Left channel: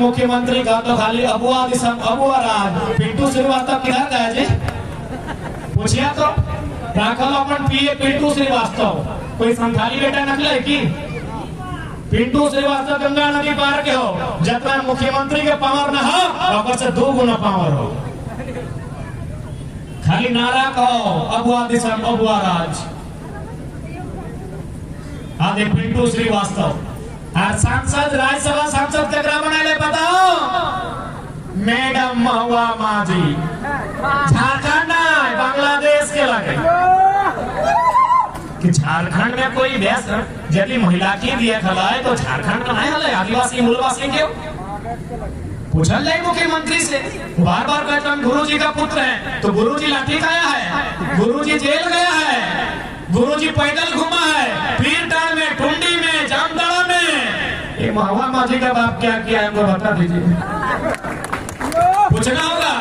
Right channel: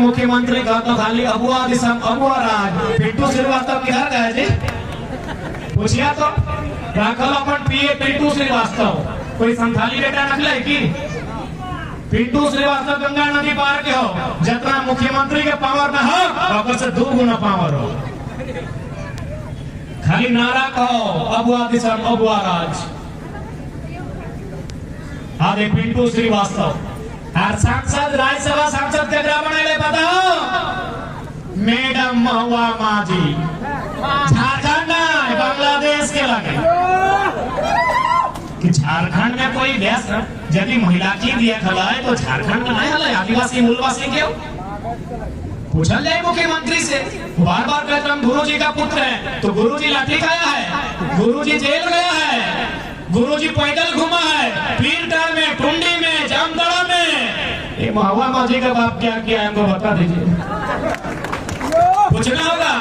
मुख्यमंत्री का तो खाली अबुआ दिसम अबुआ राज पिंटू श्रीवास्तव किधर गए जी? पूछिए तो राखल अपन पीए पिंटू श्रीवास्तव कोई संथाली बेटा नकले की? पिंटू श्रीवास्तव गंगा नदी पार के हो, जितना मुख्यमंत्री के पावर न हो और से 2 गुना पावर हो। खाली नारा कहो अबुआ दिसम अबुआ राज। आगे पिंटू श्रीवास्तव और सांसद राज्यसभा सांसद के बनाए पता हो? मैडम महुआ माझी, झारखंड ना बांग्लादेश के लगे कि झारखंड में कोई व्यास यदि महिला की दिया हलाए तो झारखंड का नहीं हलाए, आदिवासी मूलवासी क्यों? पूछल जाए मुख्यमंत्री से। बार बार कहते हम गुरु जी का पुत्र है, तो गुरु जी लाठी खाया है, गुरु जी जेल गया है, गुरु जी पैदल घुमा है, पीरटार में, टुंडी में, जामताड़ा में। ये महुआ माझी का बाप क्या किया हमको बता दीजिए। पूछना होगा,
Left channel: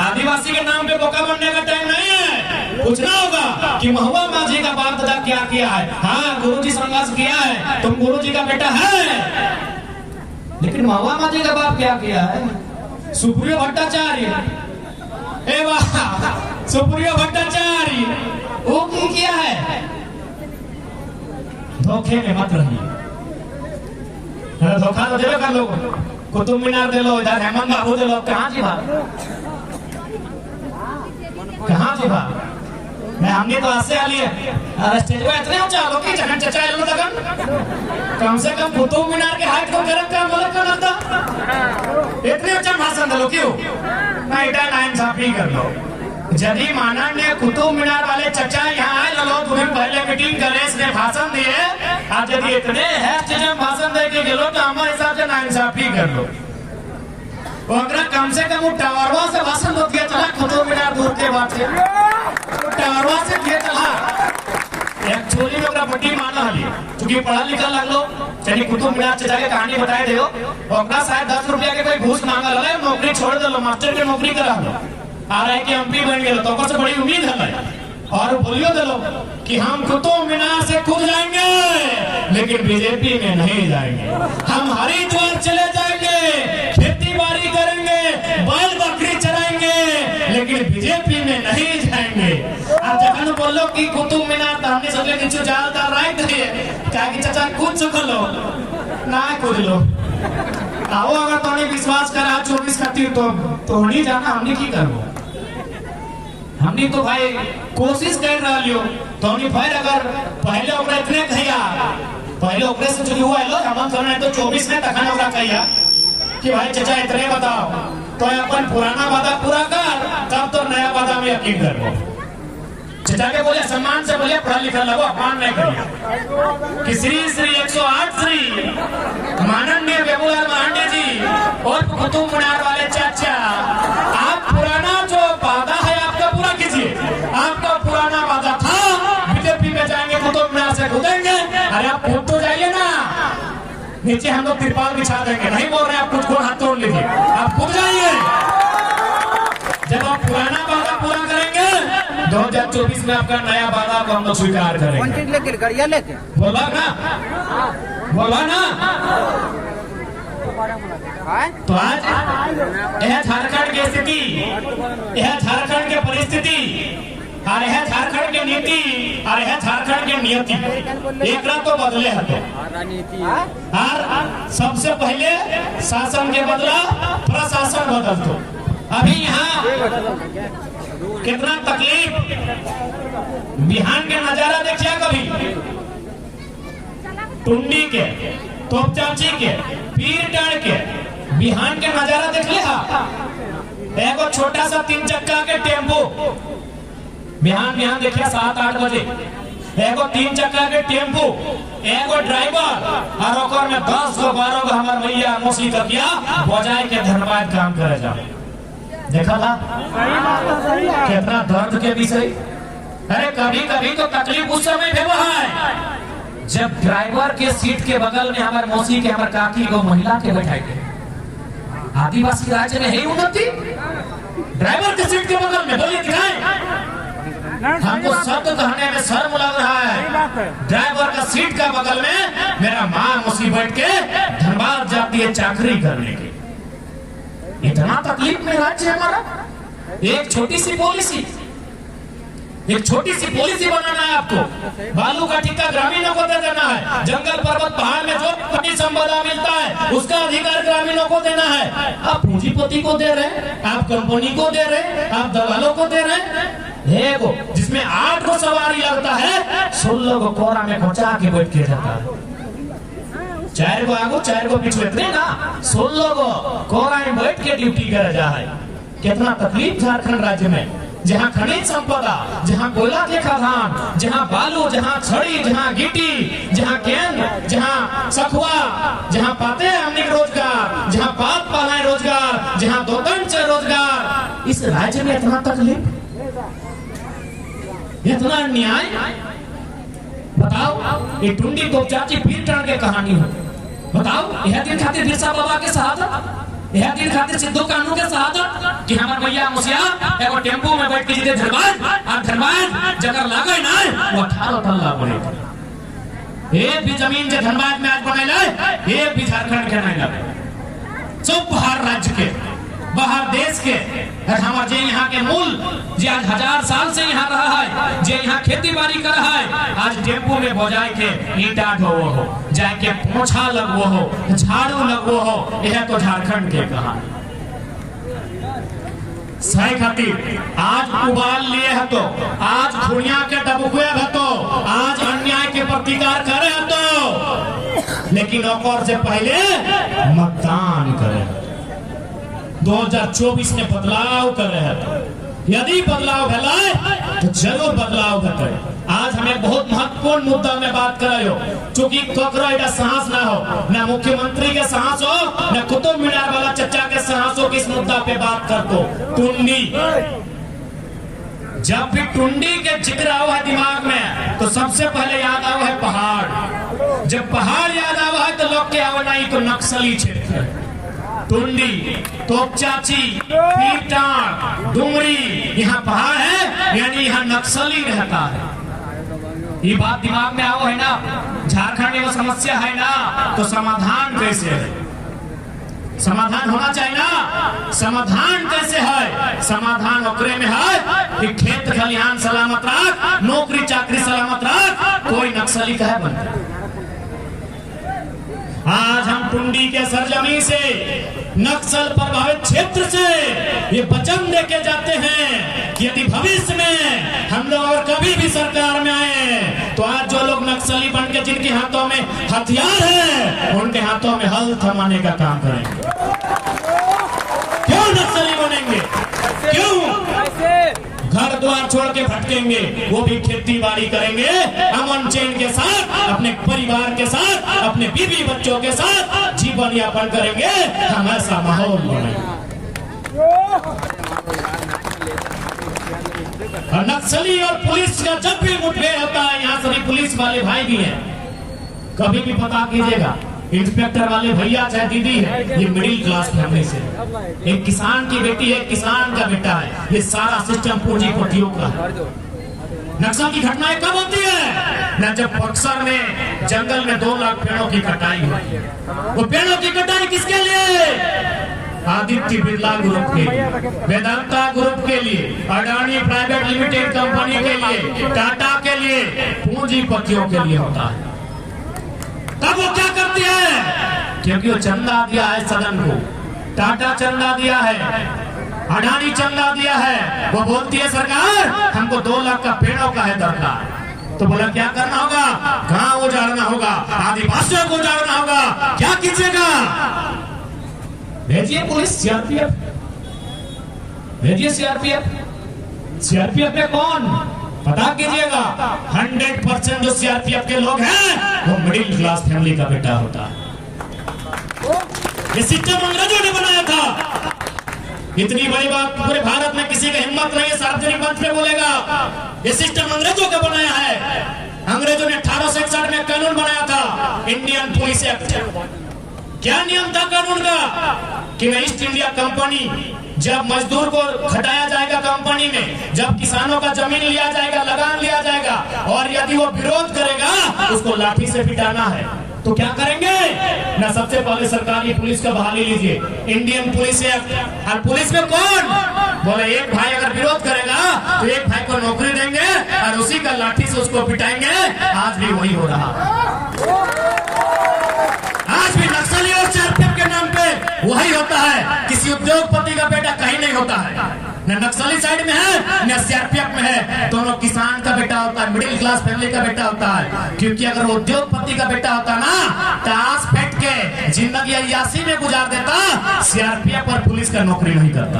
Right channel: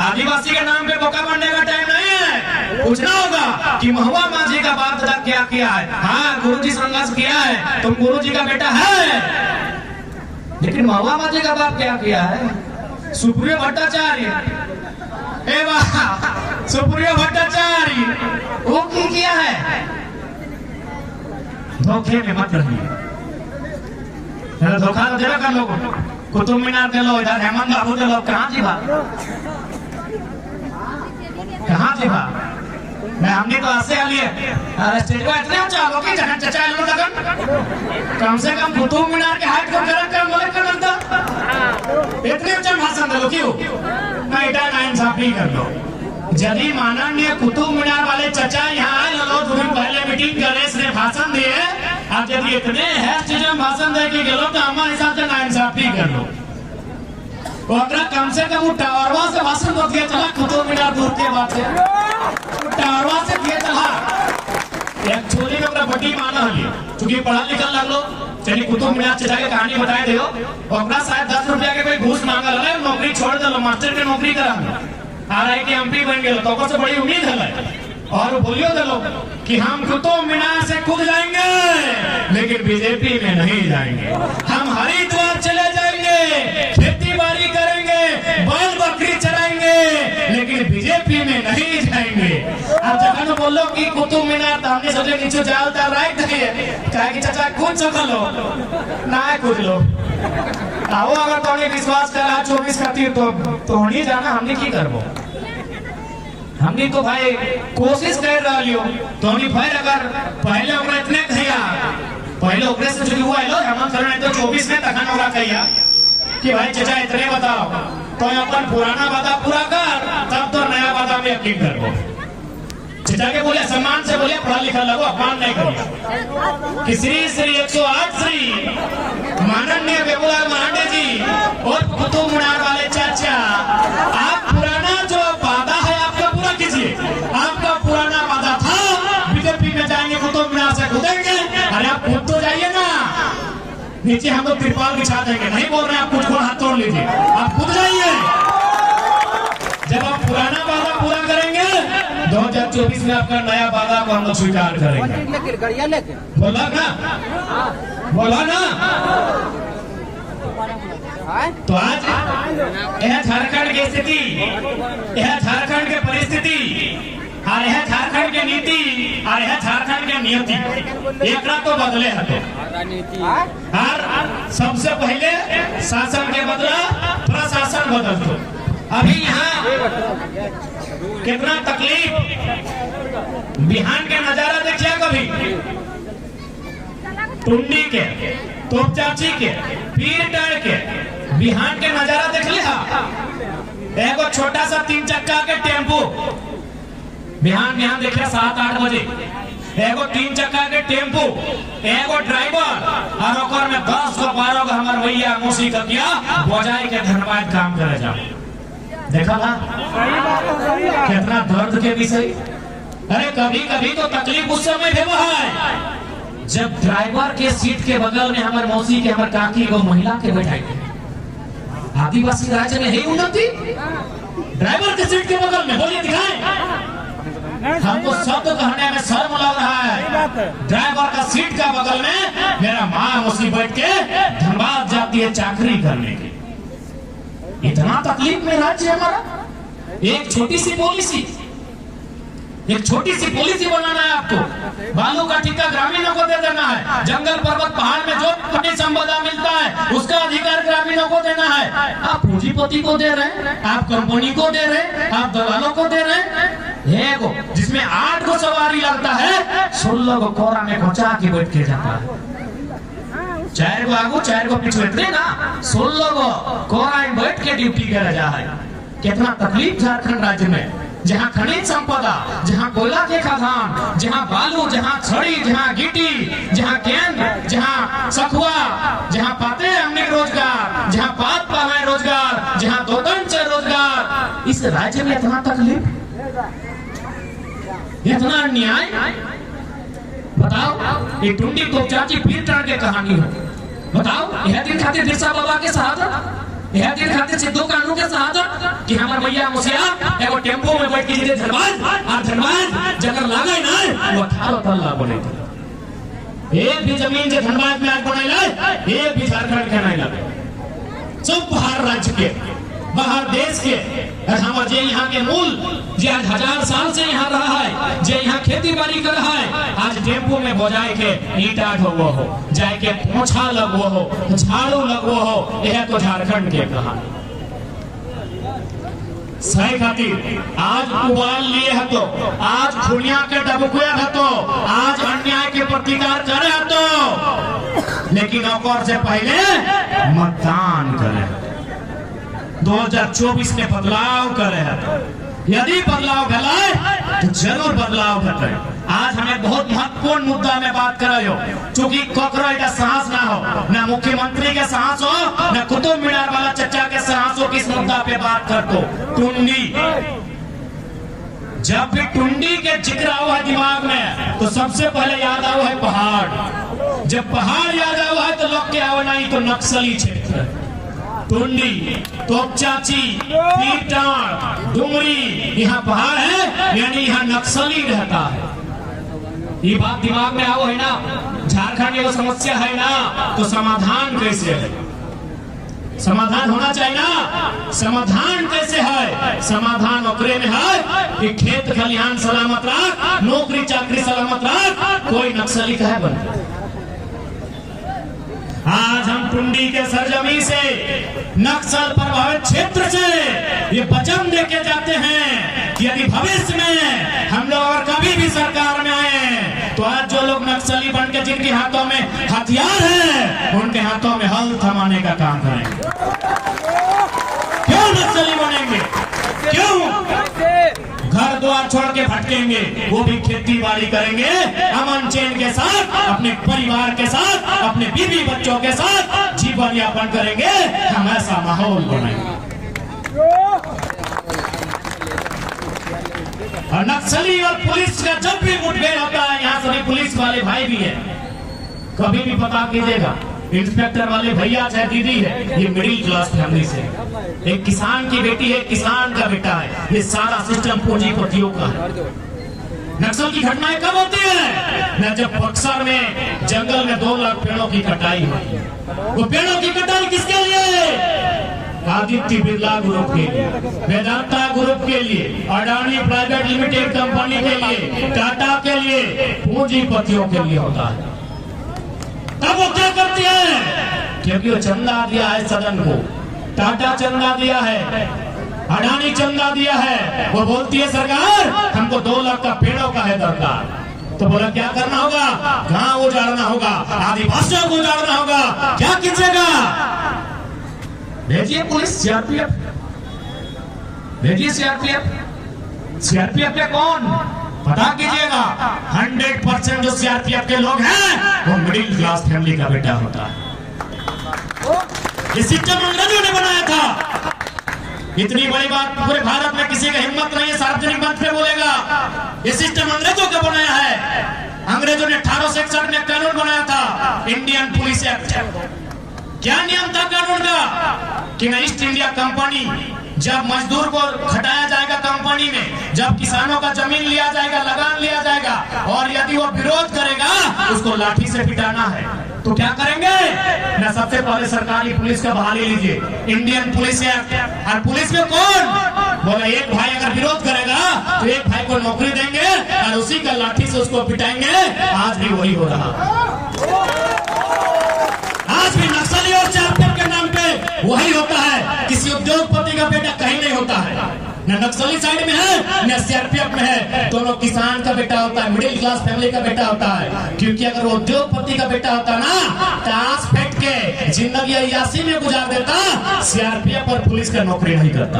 आदिवासी के नाम पे बोका बनने का टाइम नहीं है। पूछना होगा कि महुआ माझी का बाप दादा क्या किया है। हाँ, गुरु जी संघर्ष किया है, तुम गुरु जी का बेटा है, लेकिन महुआ माझी का बाप क्या किया है? सुप्रियो भट्टाचार्य, ए वाह, सुप्रियो भट्टाचार्य वो की किया है? धोखे में मत रहिए, धोखा तो दे कर लो, कुतुब मीनार दे लो, इधर हेमंत बाबू दे लो। कहाँ जी भाई, कहाँ जी भाई? हमने तो ऐसे लिए स्टेज में इतने चाहो कि जहन चचा लगन कम से कम कुतुब मीनार के हाइट को गलत काम बोले का लगता इतने अच्छा भाषण दे लो क्यों? मैं इधर नाइंसाफी कर लो। यदि माननीय कुतुब मीनार वाले चचा यहाँ आए लो, तुम्हें पहले मीटिंग गणेश ने भाषण दिए, आज यदि इतने भाषण दे के गलो तो हमारे हिसाब से नाइंसाफी कर लो। कम से कम टावरवा से भाषण दो दिया चला, कुतुब मीनार दूर के बात है, टावरवा से दिया चला। एक्चुअली में बड़ी माना है, क्योंकि पढ़ा लिखा लगलो, चलिए कुतुब मीनार चचा के कहानी बताए थे, और शायद 10 रुपया के कोई घूस मांगा लगा, नौकरी छोड़ दो, मास्टर की नौकरी करा लो, RIT MP बन गए, तो से बड़ी उम्मीद है और बोलियो दलो कि हम कुतुब मीनार से कूद जाएंगे, लेकिन बीजेपी में नहीं जाएंगे। हम हरिद्वार चले जाएंगे, खेती बाड़ी करेंगे, बैल बकरी चराएंगे, लेकिन बीजेपी में नहीं जाएंगे। अब जब बोलो कि कुतुब मीनार तो हमने सोचे कि जाल ताल राइट है, क्या चाचा कूद सको ना कूद लो। आओ अगर तुम्हें विश्वास करा 24 कटी तो नहीं जाना, हमने की करबो? हमने तो भाई कोशिश कर रही हो, तो हमने फिर अगर पहले ओकरा इतने कहिया, पहले ओकरे से जो हुआ है लो हेमंत सोरेन तो 24 में तखन ओकरा कहिया कि भाई चाचा इतने बताओ, तो अपन पुराना वादा पूरा कर, तब तो नया वादा में यकीन करबो। चाचा के बोले सम्मान से बोले, पढ़ा लिखा लगो, अपमान नहीं करिए। कि श्री 108 श्री माननीय बेबूलाल मरांडे जी और कुतुब मीनार वाले चाचा, आप पुराना जो वादा है आपका पूरा कीजिए। आपका पुराना वादा था बीजेपी में जाएंगे, कुतुब मीनार से कूदेंगे, अरे आप कूद तो जाइए ना, नीचे हम लोग तिरपाल बिछा देंगे, नहीं बोल रहे आप कुछ को हाथ तोड़ लीजिए, आप कूद जाइए। जब आप पुराना वादा पूरा करेंगे 2024 में आपका नया वादा को हम लोग स्वीकार करेंगे। बोला ना, बोला ना। तो आज यह झारखंड की स्थिति, यह झारखंड की परिस्थिति, और यह झारखंड की नीति, और यह झारखंड की नियति, एक तो बदले हटे। और सबसे पहले शासन के बदला प्रशासन बदल दो। अभी यहाँ कितना तकलीफ, बिहान के नजारा देखिए कभी, टुंडी के, तोपचाची के, पीरटार के, बिहान के नजारा देख लिया। एक छोटा सा 3 चक्का के टेम्पो बिहान देखिए 7-8 बजे, एक 3 चक्का के टेम्पो, एक ड्राइवर, और ओकर में 10 गो 12 गो हमारे भैया मौसी कतिया बजाय के धनबाद काम करे जा। देखा था कितना दर्द के विषय। अरे कभी कभी तो तकलीफ उस समय भी है जब ड्राइवर के सीट के बगल में हमारे मौसी के, हमारे काकी को महिला के बैठाए थे। आदिवासी राज्य में है उन्नति, ड्राइवर के सीट के बगल में बोलिए दिखाएं। हमको शब्द कहने में शर्म लग रहा है। ड्राइवर का सीट का बगल में मेरा माँ मौसी बैठ के धनबाद जाती है चाकरी करने की। इतना तकलीफ में राज्य हमारा। एक छोटी सी पॉलिसी बनाना है आपको। बालू का ठेका ग्रामीणों को दे देना है। जंगल पर्वत पहाड़ में जो खनिज संपदा मिलता है उसका अधिकार ग्रामीणों को देना है। आप पूंजीपति को दे रहे हैं, आप कंपनी को दे रहे हैं, आप दलालों को दे रहे हैं। एगो जिसमें 8 को सवारी लगता है, 16 को कोरा में खोचा के बैठ के जाता है। 4 को आगू 4 को पीछे इतने ना 16 को कोरा में बैठ के ड्यूटी करे जा है। कितना तकलीफ झारखंड राज्य में, जहाँ खनिज संपदा, जहाँ कोयला के खदान, जहाँ बालू, जहाँ छड़ी, जहाँ गिट्टी, जहाँ गेंद, जहाँ सखुआ, जहाँ पाते हैं हमने रोजगार, जहाँ पात पाला रोजगार, जहाँ दोकन से रोजगार, इस राज्य में इतना तकलीफ, इतना अन्याय। बताओ, ये टुंडी तोपचाची पीर टन के कहानी हो। बताओ, यह दिन खातिर बिरसा बाबा के साथ, यह दिन खातिर सिद्धू कानू के साथ कि हमारा भैया मुसिया एगो टेम्पो में बैठ के जीते धनबाद जगह लागे ना वो 18 तल्ला बने। एक भी जमीन जो धनबाद में आज बनाए, एक भी झारखंड के नहीं लगे। सब बाहर राज्य के, बाहर देश के। हमारे जे यहाँ के मूल जे आज 1000 साल से यहाँ रहा है, जे यहाँ खेती बाड़ी कर रहा है, आज टेम्पो में बजाए के ईटा ढोवो हो, जाए के पोछा लगवो हो, झाड़ू लगवो हो। यह तो झारखंड के कहा सही खातिर आज उबाल लिए है, तो आज खुनिया के डबुकुआ है, तो आज अन्याय के प्रतिकार करे है, तो लेकिन और से पहले मतदान करें। 2024 में बदलाव करे है। यदि बदलाव भला तो जरूर बदलाव घटे। आज हमें बहुत महत्वपूर्ण मुद्दा में बात करायो, चूंकि कोकरा का साहस ना हो, न मुख्यमंत्री के साहस हो, न कुतुब मीनार वाला चचा के साहस हो, किस मुद्दा पे बात कर तो टुंडी। जब भी टुंडी के जिक्र आओ है दिमाग में, तो सबसे पहले याद आओ है पहाड़। जब पहाड़ याद आओ है तो लोग क्या आओ नहीं तो नक्सली क्षेत्र, टुंडी, तोपचाची, पीटाड़, डुमरी, यहाँ पहाड़ है, यानी यहाँ नक्सली रहता है। ये बात दिमाग में आओ है ना। झारखंड में वो समस्या है ना, तो समाधान कैसे है? समाधान होना चाहिए ना। समाधान कैसे है? समाधान ओकरे में है कि खेत खलिहान सलामत रख, नौकरी चाकरी सलामत रख, कोई नक्सली कहे बनता। आज हम टुंडी के सरजमी से, नक्सल प्रभावित क्षेत्र से ये वचन लेके जाते हैं कि यदि भविष्य में हम लोग अगर कभी भी सरकार में आए, तो आज जो लोग नक्सली बन के जिनके हाथों में हथियार है, उनके हाथों में हल थमाने का काम करेंगे। क्यों नक्सली बनेंगे? क्यों घर द्वार छोड़ के भटकेंगे? वो भी खेती बाड़ी करेंगे अमन चैन के साथ, अपने परिवार के साथ, अपने बीवी बच्चों के साथ जीवन यापन करेंगे। हम ऐसा माहौल बनाएंगे। और नक्सली और पुलिस का जब भी मुठभेड़ होता है, यहाँ सभी पुलिस वाले भाई भी हैं, कभी भी पता कीजिएगा, इंस्पेक्टर वाले भैया चाहे दीदी है, ये मिडिल क्लास फैमिली से, एक किसान की बेटी है, किसान का बेटा है। ये सारा सिस्टम पूंजीपतियों का है। नक्सल की घटनाएं कब होती है? न जब बक्सर में जंगल में 2 लाख पेड़ों की कटाई हुई। वो पेड़ों की कटाई किसके लिए? आदित्य बिरला ग्रुप के लिए, वेदांता ग्रुप के लिए, अडानी प्राइवेट लिमिटेड कंपनी के लिए, टाटा के लिए, पूंजीपतियों के लिए होता है। तब वो क्या करते हैं? क्योंकि वो चंदा दिया है सदन को, टाटा चंदा दिया है, अडानी चंदा दिया है। वो बोलती है सरकार हमको 2 लाख का पेड़ों का है दरकार। तो बोला क्या करना होगा? गांव उजाड़ना होगा, आदिवासियों को उजाड़ना होगा। क्या कीजिएगा? भेजिए पुलिस, सीआरपीएफ भेजिए। सीआरपीएफ में कौन? पता कीजिएगा। 100% जो सीआरपीएफ के लोग हैं वो मिडिल क्लास फैमिली का बेटा होता है। ये सिस्टम अंग्रेजों ने बनाया था। इतनी बड़ी बात पूरे भारत में किसी का हिम्मत नहीं है सार्वजनिक मंच पे बोलेगा। ये सिस्टम अंग्रेजों का बनाया है। अंग्रेजों ने 1861 में कानून बनाया था, इंडियन पुलिस एक्ट। क्या नियम था कानून का? कि ईस्ट इंडिया कंपनी, जब मजदूर को खटाया जाएगा कंपनी में, जब किसानों का जमीन लिया जाएगा, लगान लिया जाएगा, और यदि वो विरोध करेगा उसको लाठी से पिटाना है। तो क्या करेंगे ना, सबसे पहले सरकारी पुलिस का बहाली लीजिए, इंडियन पुलिस एक्ट। और पुलिस में कौन बोले, एक भाई अगर विरोध करेगा तो एक भाई को नौकरी देंगे और उसी का लाठी से उसको पिटाएंगे। आज भी वही हो रहा, आज भी नक्सली और सीआरपीएफ के नाम पे वही होता है। किसी उद्योगपति का बेटा कहीं नहीं होता है, न नक्सली साइड में है न सीआरपीएफ में है। दोनों किसान का बेटा होता है, मिडिल क्लास फैमिली का बेटा होता है। क्योंकि अगर उद्योगपति का बेटा होता ना, ताश फेंक के जिंदगी अय्याशी में गुजार देता, सीआरपीएफ और पुलिस का नौकरी नहीं करता।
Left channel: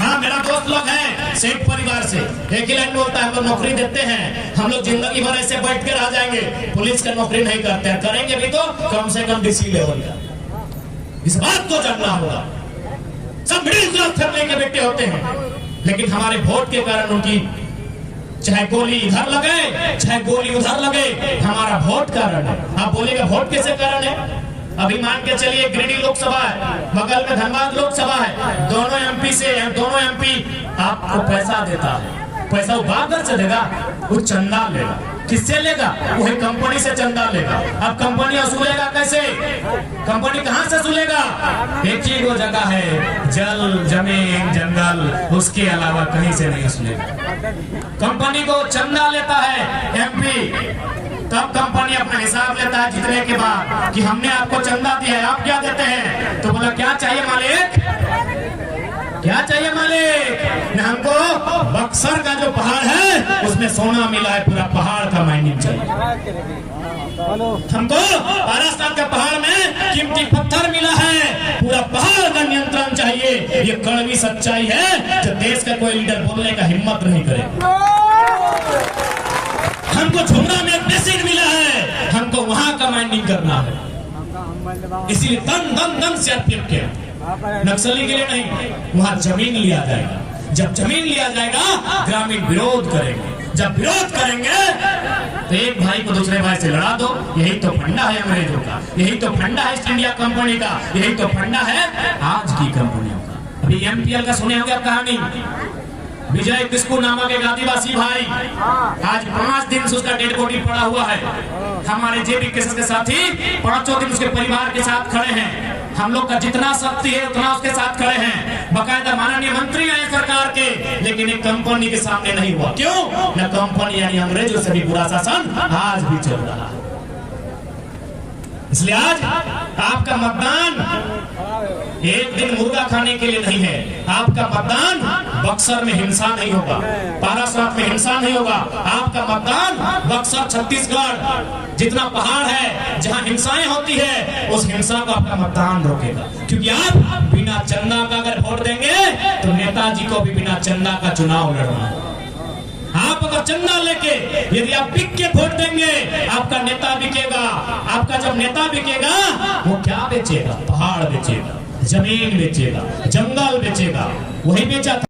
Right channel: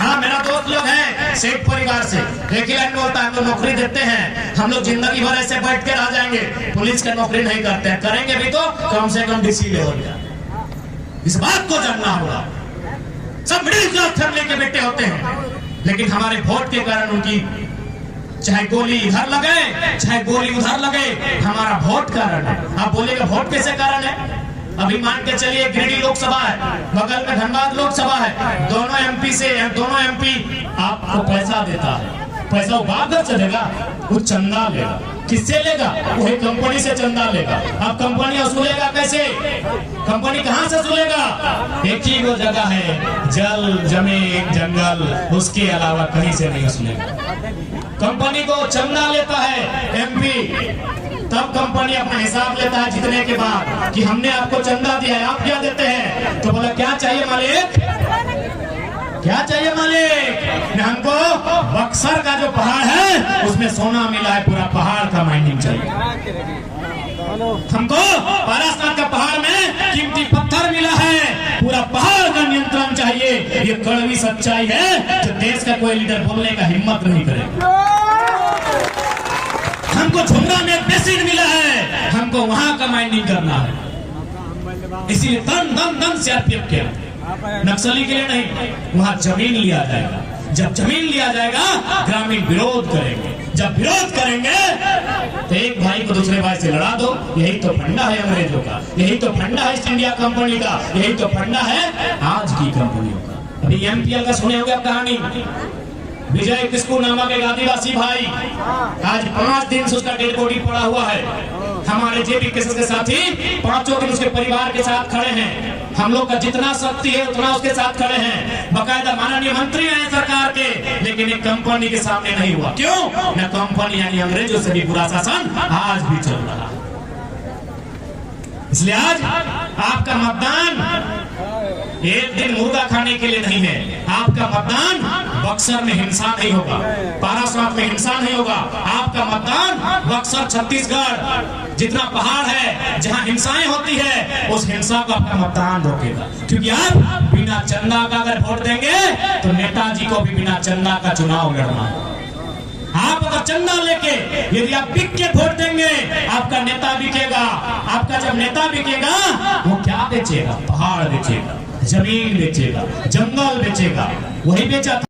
हाँ, मेरा दोस्त लोग है सेठ परिवार से, एक ही लाइन बोलता है, हम नौकरी देते हैं, हम लोग जिंदगी भर ऐसे बैठ के रह जाएंगे, पुलिस का नौकरी नहीं करते हैं। करेंगे भी तो कम से कम डीसी लेवल का। इस बात को जानना होगा। सब मिडिल क्लास फैमिली के बेटे होते हैं, लेकिन हमारे वोट के कारण उनकी चाहे गोली इधर लगे चाहे गोली उधर लगे, हमारा वोट कारण है। आप बोलेगा वोट कैसे कारण है? अभी मान के चलिए गिरिडीह लोकसभा है, बगल में धनबाद लोकसभा है, दोनों एमपी आपको पैसा देता है। पैसा वो बाप घर से देगा, वो चंदा लेगा। किससे लेगा? वही कंपनी से चंदा लेगा। अब कंपनी वसूलेगा कैसे? कंपनी कहां से वसूलेगा? एक ही वो जगह है, जल जमीन जंगल, उसके अलावा कहीं से नहीं वसूलेगा। कंपनी को चंदा लेता है एमपी, तब कंपनी अपना हिसाब लेता है जितने के बाद कि हमने आपको चंदा दिया है, आप क्या देते हैं? तो बोला क्या चाहिए मालिक, क्या चाहिए मालिक? हमको बक्सर का जो पहाड़ है उसमें सोना मिला है, पूरा पहाड़ का माइनिंग चाहिए। हमको पारास्तान का पहाड़ में कीमती पत्थर मिला है, पूरा पहाड़ का नियंत्रण चाहिए। ये कड़वी सच्चाई है जो देश का कोई लीडर बोलने का हिम्मत नहीं करेगा। हमको झुमरा में एक बेसिन मिला है, हमको वहां का माइनिंग करना है। इसीलिए दम सीआरपीएफ के नक्सली के लिए नहीं, वहां जमीन लिया जाएगा। जब जमीन लिया जाएगा ग्रामीण विरोध करेंगे, जब विरोध करेंगे तो एक भाई को दूसरे भाई से लड़ा दो। यही तो फंडा है अंग्रेजों का, यही तो फंडा है ईस्ट इंडिया कंपनी का, यही तो फंडा है आज की कंपनियों का। अभी एमपीएल का सुने होंगे कहानी, विजय किस्कू नामक एक आदिवासी भाई, आज 5 दिन से उसका डेड बॉडी पड़ा हुआ है। हमारे जेबी किस्कू के साथी 5 दिन उसके परिवार के साथ खड़े हैं। हम लोग का जितना शक्ति है उतना उसके साथ खड़े हैं। बकायदा माननीय मंत्री आए सरकार के, लेकिन एक कंपनी के सामने नहीं हुआ। क्यों? न कंपनी यानी अंग्रेजों से भी बुरा शासन आज भी चल रहा है। इसलिए आज आपका मतदान एक दिन मुर्गा खाने के लिए नहीं है। आपका मतदान बक्सर में हिंसा नहीं होगा, पारासात में हिंसा नहीं होगा। आपका मतदान बक्सर छत्तीसगढ़ जितना पहाड़ है जहां हिंसाएं होती है, उस हिंसा को आपका मतदान रोकेगा। क्योंकि आप बिना चंदा का अगर वोट देंगे तो नेताजी को भी बिना चंदा का चुनाव लड़ना होगा। आप अगर चंदा लेके यदि आप बिक के वोट देंगे, आपका नेता बिकेगा। आपका जब नेता बिकेगा वो क्या बेचेगा? पहाड़ बेचेगा, जमीन बेचेगा, जंगल बेचेगा। वही बेचा था।